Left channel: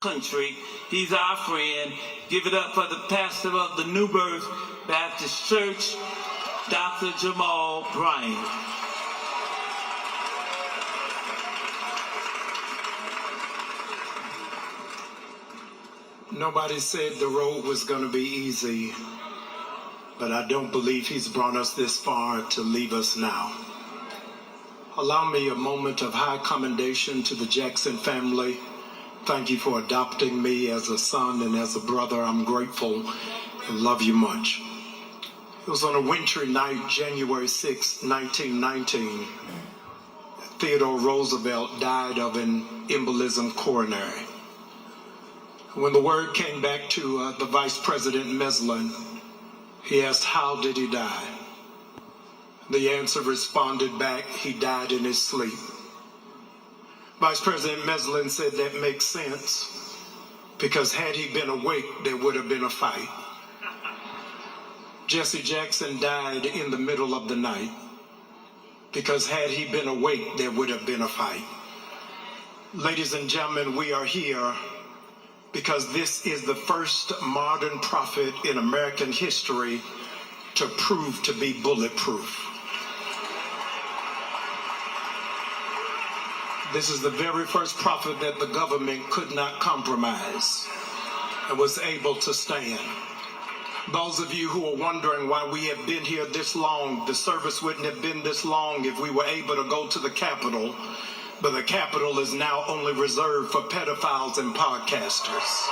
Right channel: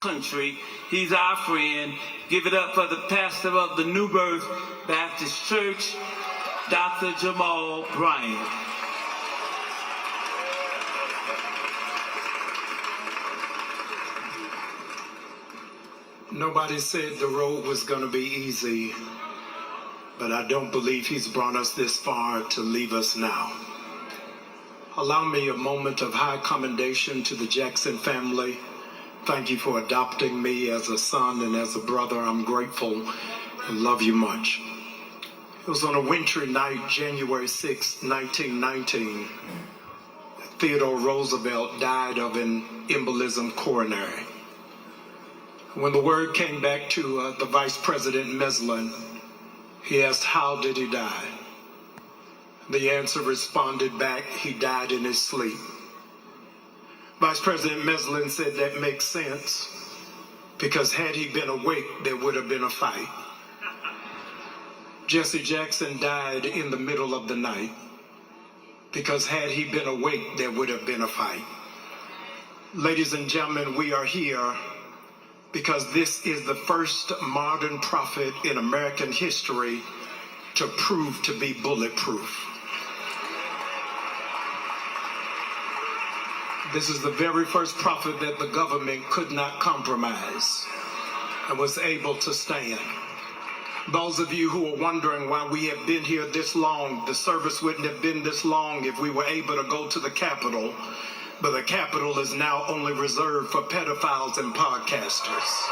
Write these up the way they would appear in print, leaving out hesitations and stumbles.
country. He's our friend. Give it up for the pastor of the New Birth Baptist Church, Dr. Jamal Bryant. Nobody said the road was going to be easy, but I don't believe he's brought us this far to leave us now. Allow me a moment of high commendation to the Jackson family. Thank you for adopting me as a son and as a brother. I'm grateful and love you much. It was on a wintry night, January 6, 1919, Theodore Roosevelt died of an embolism coronary. When the word came back to the Vice President Meslin, he asked, how did he die? The answer responded back, he died in his sleep. Vice President Meslin said that makes sense, because had he been awake, there would have been a fight. Jesse Jackson died in the middle of the night, because had he been awake, there would have been a fight. Ladies and gentlemen, we are here because this is the first modern prophet in American history to prove to be bulletproof. This is the very first prophet that the government could not compromise and was able to stand. Those of you who are wondering why we have been here this long, the service wouldn't have been this long if we were able to go to the Capitol, but the Capitol is now only reserved for pedophiles and podcasters.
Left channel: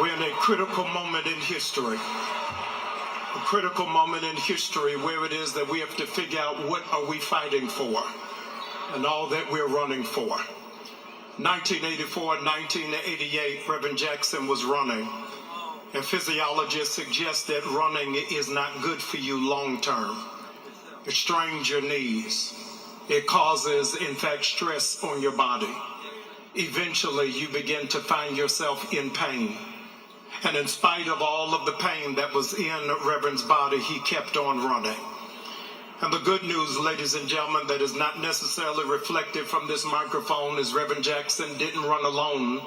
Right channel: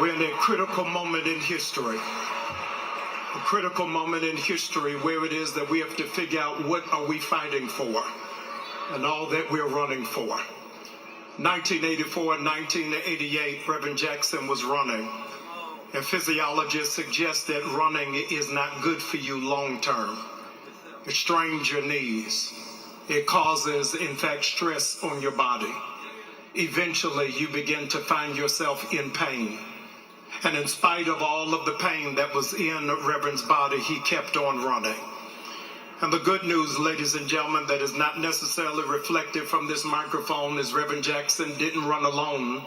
We're in a critical moment in history. A critical moment in history where it is that we have to figure out what are we fighting for and all that we're running for. 1984 and 1988, Reverend Jackson was running. And physiologists suggest that running is not good for you long term. It strains your knees. It causes, in fact, stress on your body. Eventually, you begin to find yourself in pain. And in spite of all of the pain that was in Reverend's body, he kept on running. And the good news, ladies and gentlemen, that is not necessarily reflected from this microphone is Reverend Jackson didn't run alone,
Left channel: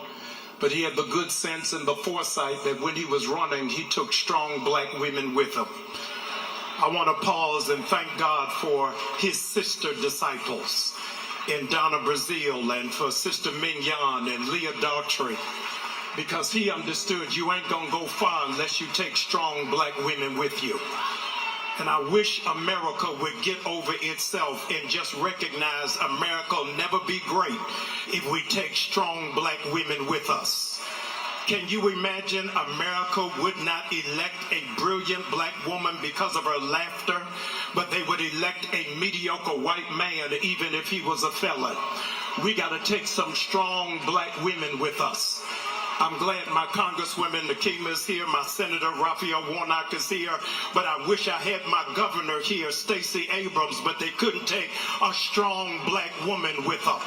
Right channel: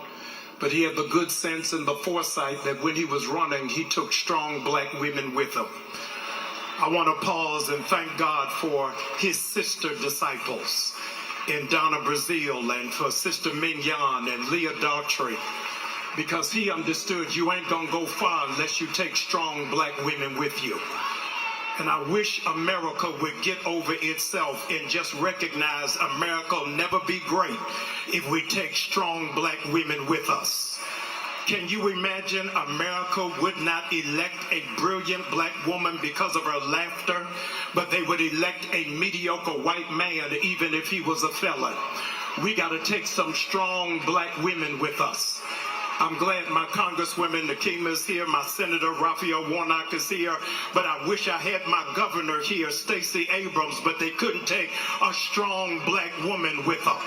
but he had the good sense and the foresight that when he was running, he took strong black women with him. I want to pause and thank God for his sister disciples in Donna Brazil and for Sister Mignon and Leah Daughtry, because he understood you ain't gonna go far unless you take strong black women with you. And I wish America would get over itself and just recognize America will never be great if we take strong black women with us. Can you imagine America would not elect a brilliant black woman because of her laughter, but they would elect a mediocre white man even if he was a felon? We got to take some strong black women with us. I'm glad my Congresswoman Nakima is here, my Senator Raphael Warnock is here, but I wish I had my governor here, Stacey Abrams, but they couldn't take a strong black woman with her.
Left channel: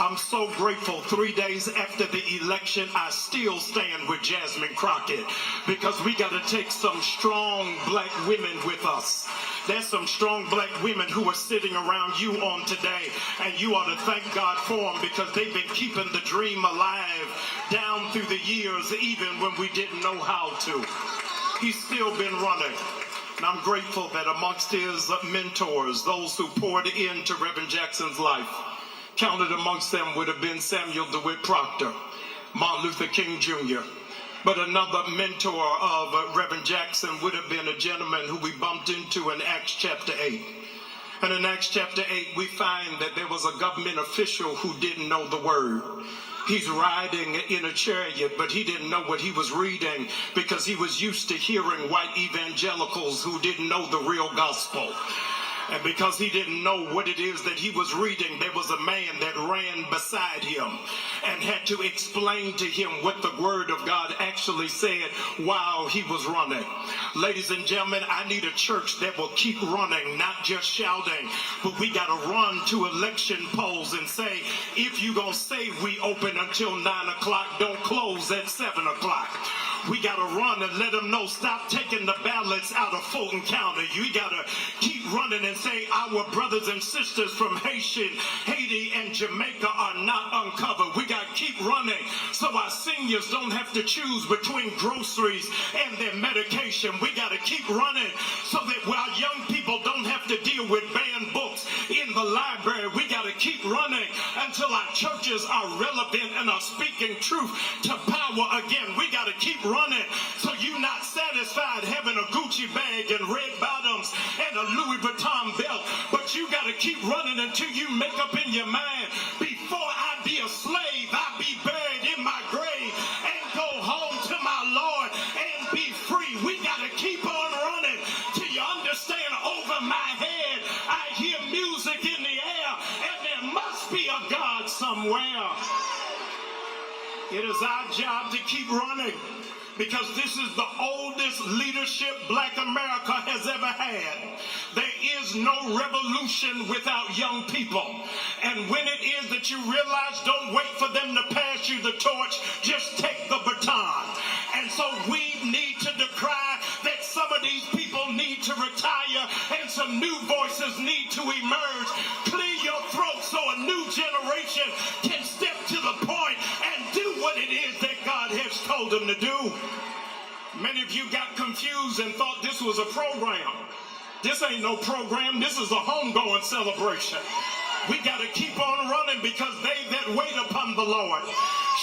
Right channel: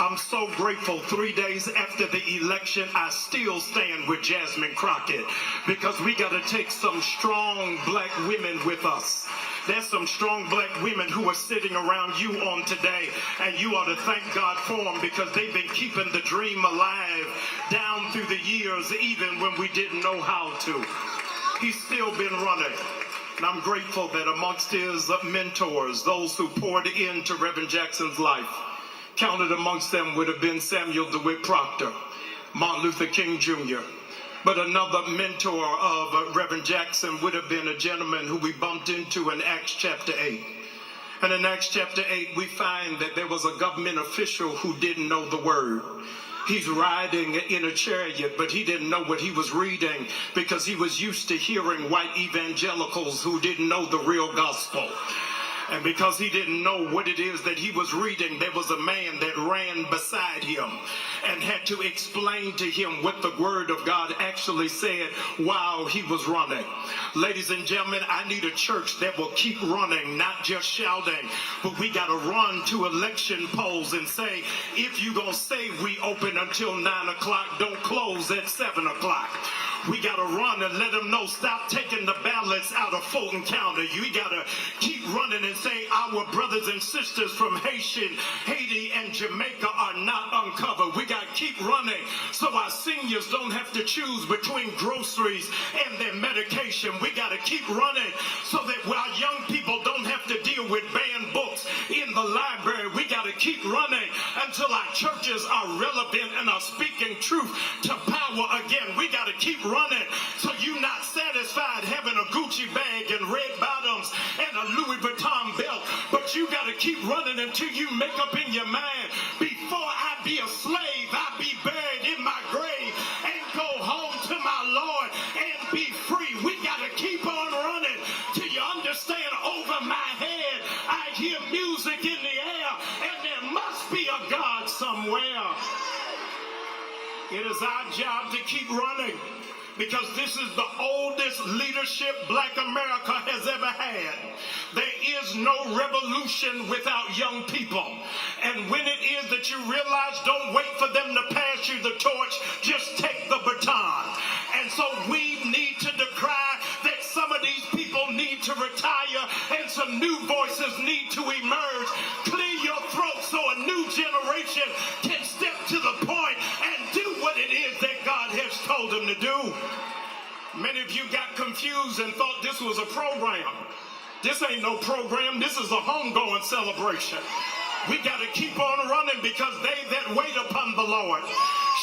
I'm so grateful 3 days after the election, I still stand with Jasmine Crockett, because we got to take some strong black women with us. There's some strong black women who are sitting around you on today, and you ought to thank God for them, because they've been keeping the dream alive down through the years, even when we didn't know how to. He's still been running. And I'm grateful that amongst his mentors, those who poured into Reverend Jackson's life, counted amongst them would have been Samuel DeWitt Proctor, Martin Luther King Jr., but another mentor of Reverend Jackson would have been a gentleman who we bumped into in Acts chapter 8. And in Acts chapter 8, we find that there was a government official who didn't know the word. He's riding in a chariot, but he didn't know what he was reading because he was used to hearing white evangelicals who didn't know the real gospel. And because he didn't know what it is that he was reading, there was a man that ran beside him and had to explain to him what the word of God actually said while he was running. Ladies and gentlemen, I need a church that will keep running, not just shouting, but we got to run to election polls and say, if you're going to say we open until 9 o'clock, don't close at 7 o'clock. We got to run and let them know, stop taking the ballots out of Fulton County. We got to keep running and say our brothers and sisters from Haiti and Jamaica are not uncovered. We got to keep running so our seniors don't have to choose between groceries and their medication. We got to keep running so that our young people don't have to deal with banned books in the library. We got to keep running until our churches are relevant and are speaking truth to power again. We got to keep running so you're not satisfied having a Gucci bag and red bottoms and a Louis Vuitton belt, but you got to keep running until you make up in your mind, before I be a slave, I be buried in my grave and go home to my Lord and be free. We got to keep on running till you understand. Over my head I hear music in the air, and there must be a God somewhere. It is our job to keep running, because this is the oldest leadership Black America has ever had. There is no revolution without young people. And when it is that you realize, don't wait for them to pass you the torch, just take the baton. And so we need to decry that some of these people need to retire and some new voices need to emerge. Clear your throat so a new generation can step to the point and do what it is that God has told them to do. Many of you got confused and thought this was a program. This ain't no program. This is a homegoing celebration. We got to keep on running, because they that wait upon the Lord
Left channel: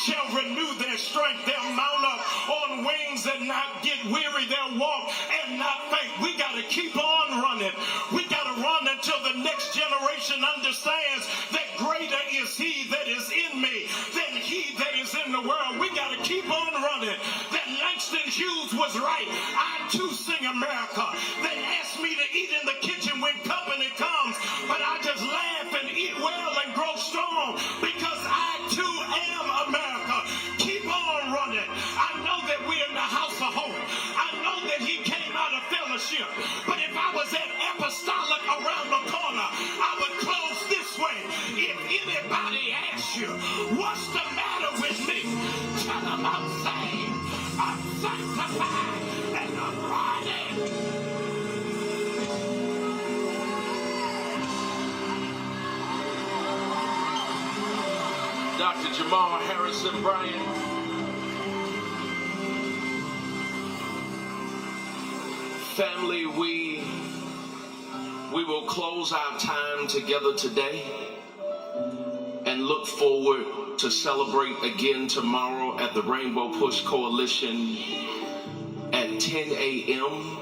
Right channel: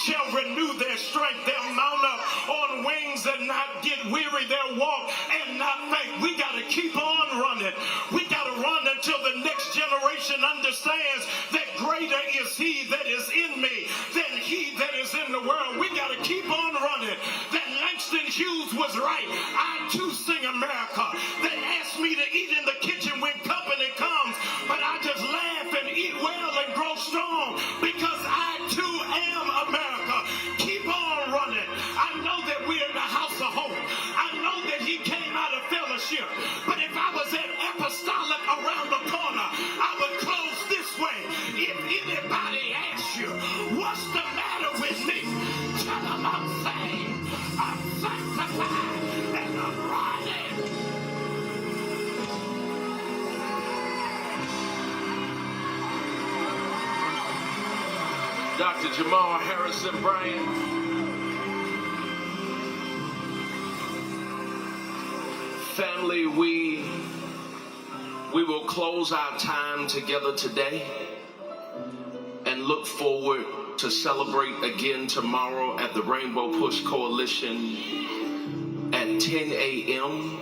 shall renew their strength. They'll mount up on wings and not get weary. They'll walk and not faint. We got to keep on running. We got to run until the next generation understands that greater is he that is in me than he that is in the world. We got to keep on running. That Langston Hughes was right. I too sing America. They asked me to eat in the kitchen when company comes, but I just laugh and eat well and grow strong, because I too am America. Keep on running. I know that we're in the house of hope. I know that he came out of fellowship, but if I was at apostolic around the corner, I would close this way. If anybody asks you, what's the matter with me? Tell them I'm saved, I'm sanctified, and I'm running. Dr. Jamal Harrison Bryant. Family, we will close our time together today and look forward to celebrate again tomorrow at the Rainbow Push Coalition at 10 a.m.